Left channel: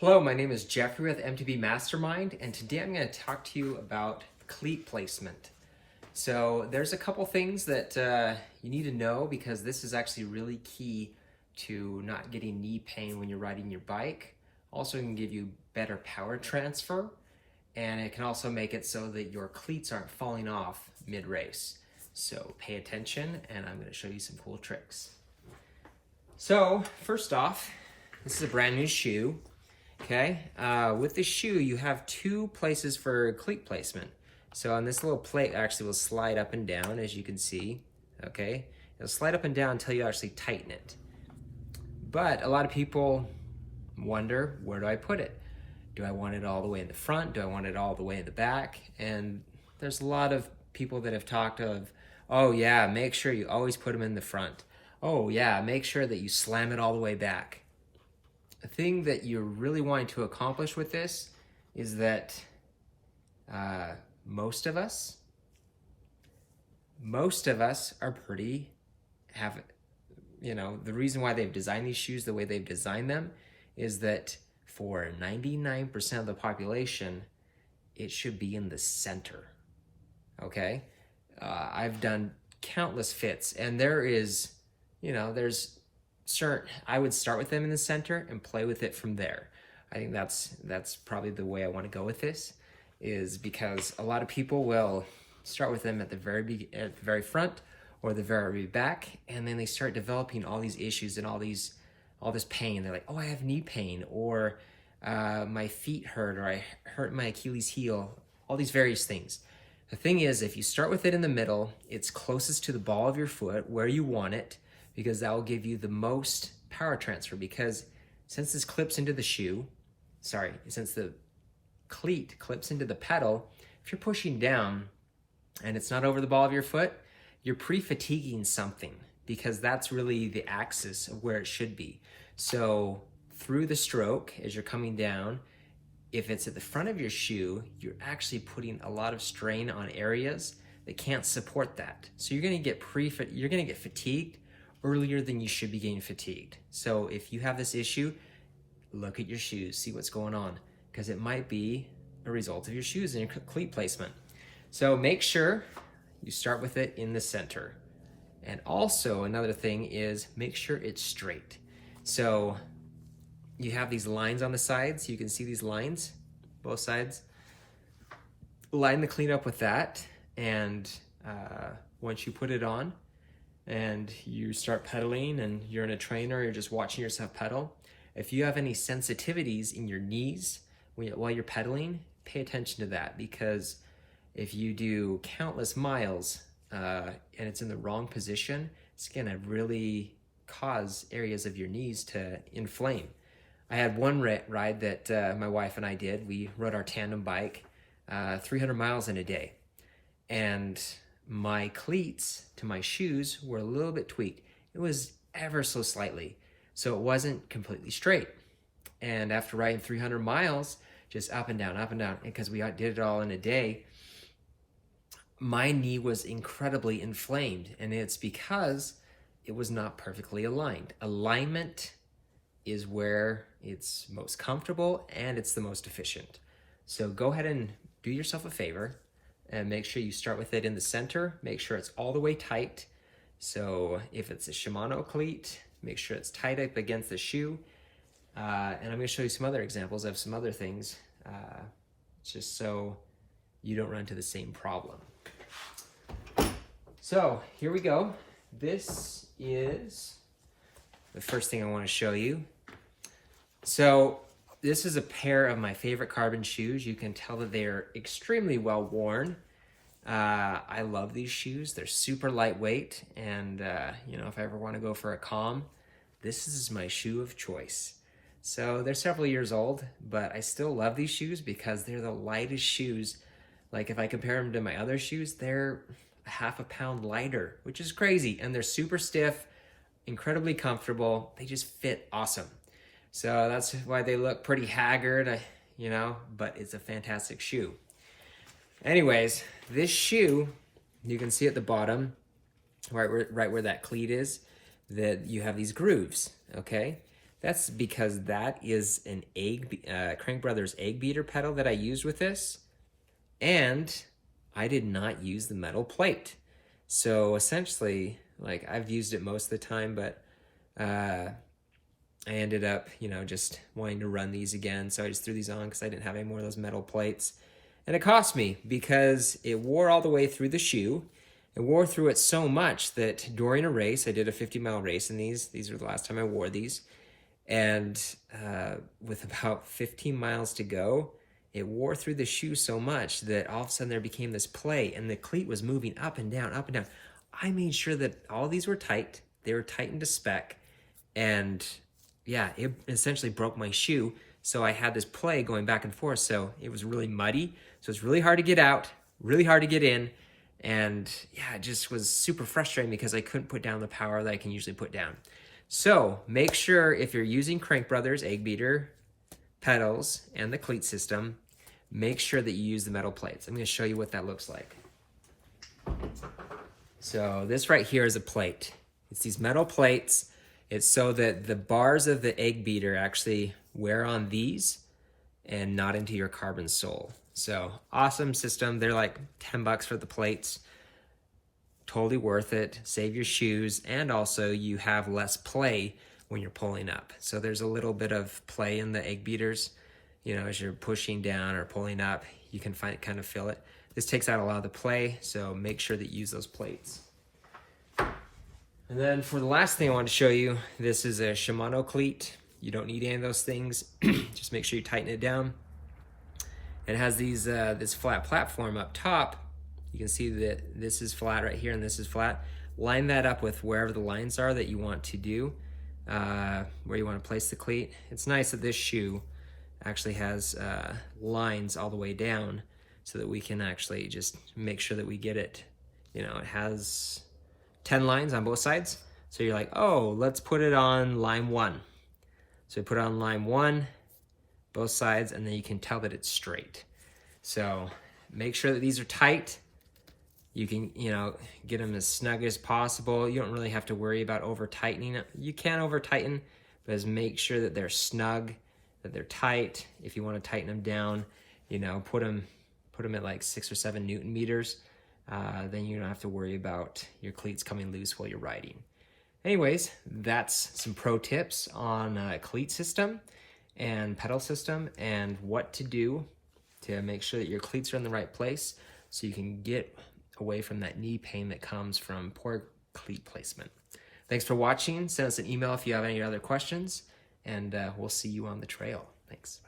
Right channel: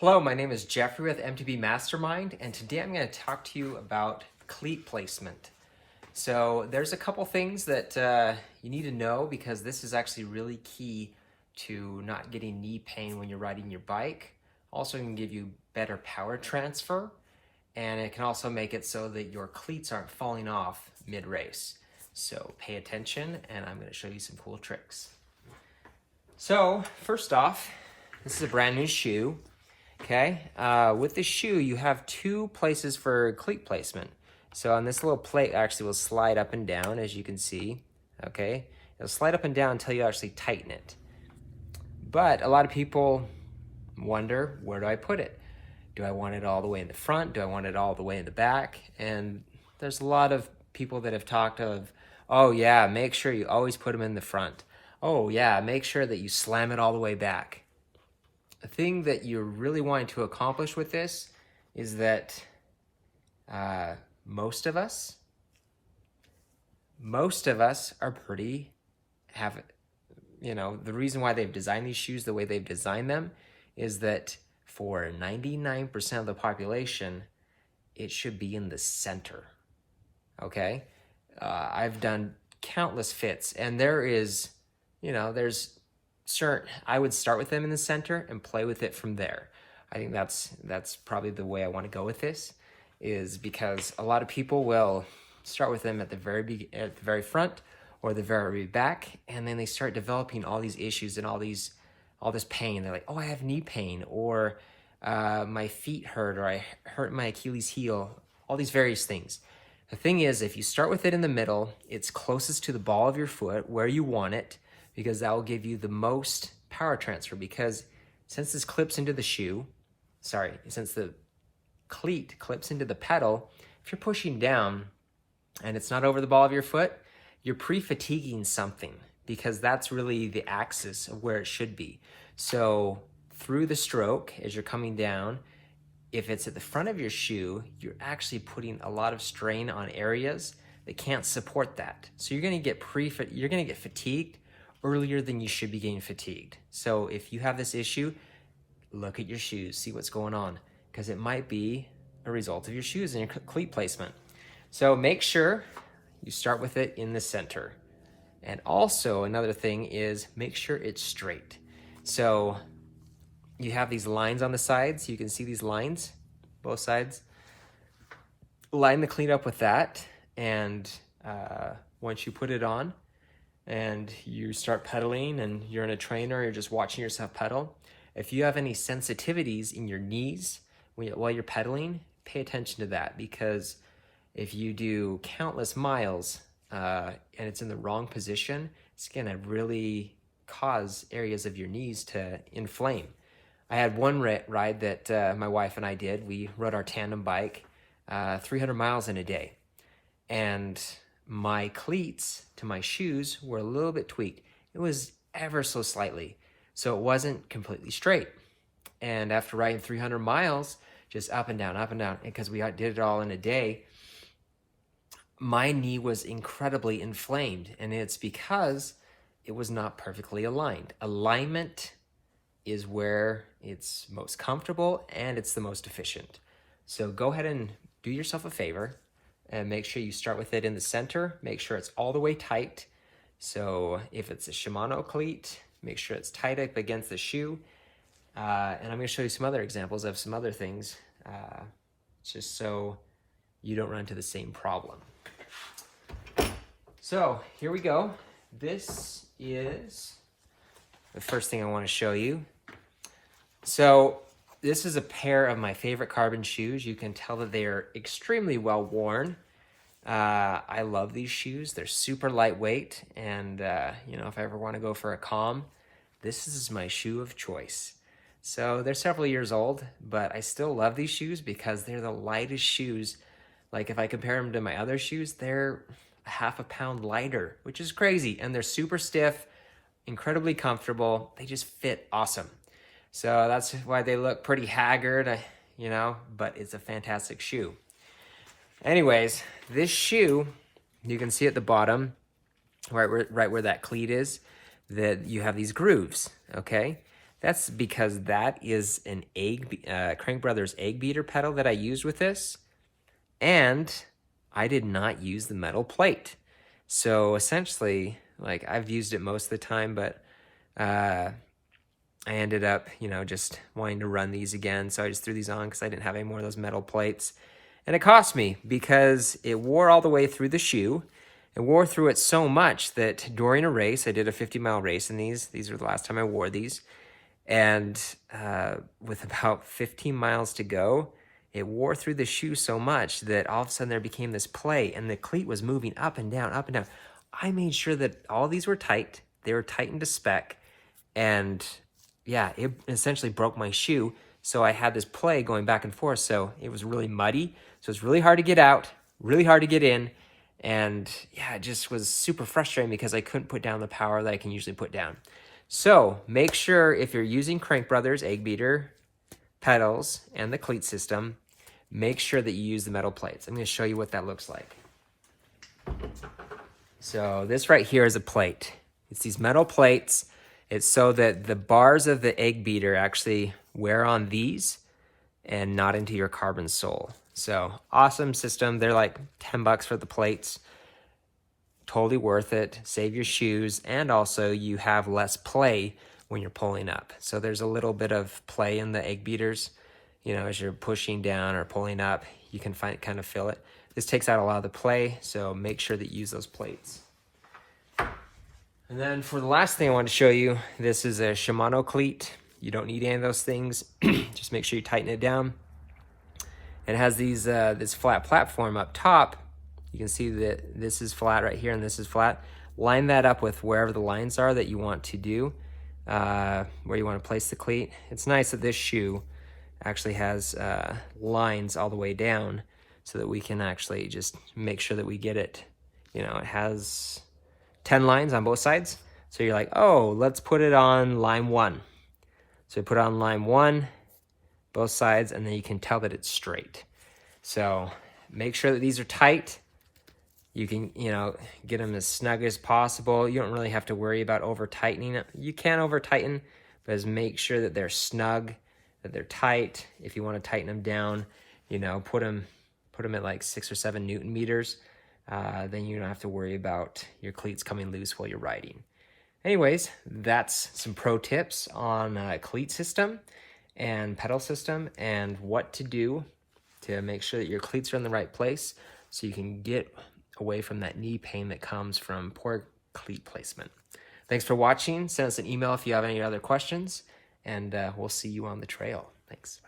Hello, my name is Jeffrey with MTB Mastermind, and today I'm going to talk to you about cleat placement. So there's a couple things that you need to know because this is actually really key to not getting knee pain when you're riding your bike. Also, it can give you better power transfer, and it can also make it so that your cleats aren't falling off mid-race. So pay attention, and I'm going to show you some cool tricks. So first off, this is a brand new shoe. Okay, with the shoe, you have two places for cleat placement. So on this little plate actually will slide up and down, as you can see, okay? It'll slide up and down until you actually tighten it. But a lot of people wonder, where do I put it? Do I want it all the way in the front? Do I want it all the way in the back? And there's a lot of people that have talked of, oh yeah, make sure you always put them in the front. Oh yeah, make sure that you slam it all the way back. The thing that you're really wanting to accomplish with this is that most of us are the reason why they've designed these shoes the way they've designed them is that for 99% of the population, it should be in the center, okay? I've done countless fits, and there's I would start with them in the center and play with it from there. I think that's probably the way I want to go with this, is because a lot of people will start with them at the very front or the very back, and then they start developing all these issues and all this pain. They're like, oh, I have knee pain, or my feet hurt, or I hurt my Achilles heel, all these various things. The thing is, if you start with it in the middle, it's closest to the ball of your foot where you want it, because that will give you the most power transfer. Because since this clips into the since the cleat clips into the pedal, if you're pushing down and it's not over the ball of your foot, you're pre-fatiguing something, because that's really the axis of where it should be. So through the stroke, as you're coming down, if it's at the front of your shoe, you're actually putting a lot of strain on areas that can't support that. So you're gonna get fatigued earlier than you should be getting fatigued. So if you have this issue, look at your shoes, see what's going on, because it might be a result of your shoes and your cleat placement. So make sure you start with it in the center. And also another thing is make sure it's straight. So you have these lines on the sides. You can see these lines, both sides. Line the cleat up with that, and once you put it on, and you start pedaling and you're in a trainer, you're just watching yourself pedal. If you have any sensitivities in your knees while you're pedaling, pay attention to that, because if you do countless miles and it's in the wrong position, it's gonna really cause areas of your knees to inflame. I had one ride that my wife and I did. We rode our tandem bike 300 miles in a day. And my cleats to my shoes were a little bit tweaked. It was ever so slightly. So it wasn't completely straight. And after riding 300 miles, just up and down, because we did it all in a day, my knee was incredibly inflamed. And it's because it was not perfectly aligned. Alignment is where it's most comfortable and it's the most efficient. So go ahead and do yourself a favor and make sure you start with it in the center. Make sure it's all the way tight. So if it's a Shimano cleat, make sure it's tight up against the shoe. And I'm gonna show you some other examples of some other things, just so you don't run into the same problem. So here we go. This is the first thing I wanna show you. So this is a pair of my favorite carbon shoes. You can tell that they are extremely well worn. I love these shoes. They're super lightweight, and if I ever want to go for a calm, this is my shoe of choice. So they're several years old, but I still love these shoes because they're the lightest shoes. Like if I compare them to my other shoes, they're half a pound lighter, which is crazy. And they're super stiff, incredibly comfortable. They just fit awesome. So that's why they look pretty haggard, but it's a fantastic shoe. Anyways, this shoe, you can see at the bottom, right where that cleat is, that you have these grooves, okay? That's because that is an Crank Brothers egg beater pedal that I used with this. And I did not use the metal plate. So essentially, like, I've used it most of the time, but I ended up, just wanting to run these again. So I just threw these on because I didn't have any more of those metal plates. And it cost me because it wore all the way through the shoe. It wore through it so much that during a race, I did a 50-mile race in these. These were the last time I wore these. And with about 15 miles to go, it wore through the shoe so much that all of a sudden there became this play, and the cleat was moving up and down, up and down. I made sure that all these were tight. They were tightened to spec. And yeah, it essentially broke my shoe. So I had this play going back and forth. So it was really muddy. So it's really hard to get out, really hard to get in. And yeah, it just was super frustrating because I couldn't put down the power that I can usually put down. So make sure if you're using Crank Brothers egg beater pedals and the cleat system, make sure that you use the metal plates. I'm going to show you what that looks like. So this right here is a plate. It's these metal plates. It's so that the bars of the egg beater actually wear on these and not into your carbon sole. So awesome system. They're like $10 for the plates. Totally worth it. Save your shoes, and also you have less play when you're pulling up. So there's a little bit of play in the egg beaters. As you're pushing down or pulling up, you can kind of feel it. This takes out a lot of the play, so make sure that you use those plates. And then for the last thing I want to show you, this is a Shimano cleat. You don't need any of those things. Just make sure you tighten it down. It has these this flat platform up top. You can see that this is flat right here and this is flat. Line that up with wherever the lines are that you want to do, where you want to place the cleat. It's nice that this shoe actually has lines all the way down so that we can actually just make sure that we get it. It has 10 lines on both sides. So you're like, oh, let's put it on line 1. So put it on line 1, both sides, and then you can tell that it's straight. So make sure that these are tight. You can, get them as snug as possible. You don't really have to worry about over-tightening it. You can over-tighten, but just make sure that they're snug, that they're tight. If you want to tighten them down, put them at like 6 or 7 Newton meters. Then you don't have to worry about your cleats coming loose while you're riding. Anyways, that's some pro tips on cleat system and pedal system and what to do to make sure that your cleats are in the right place so you can get away from that knee pain that comes from poor cleat placement. Thanks for watching. Send us an email if you have any other questions, and we'll see you on the trail. Thanks.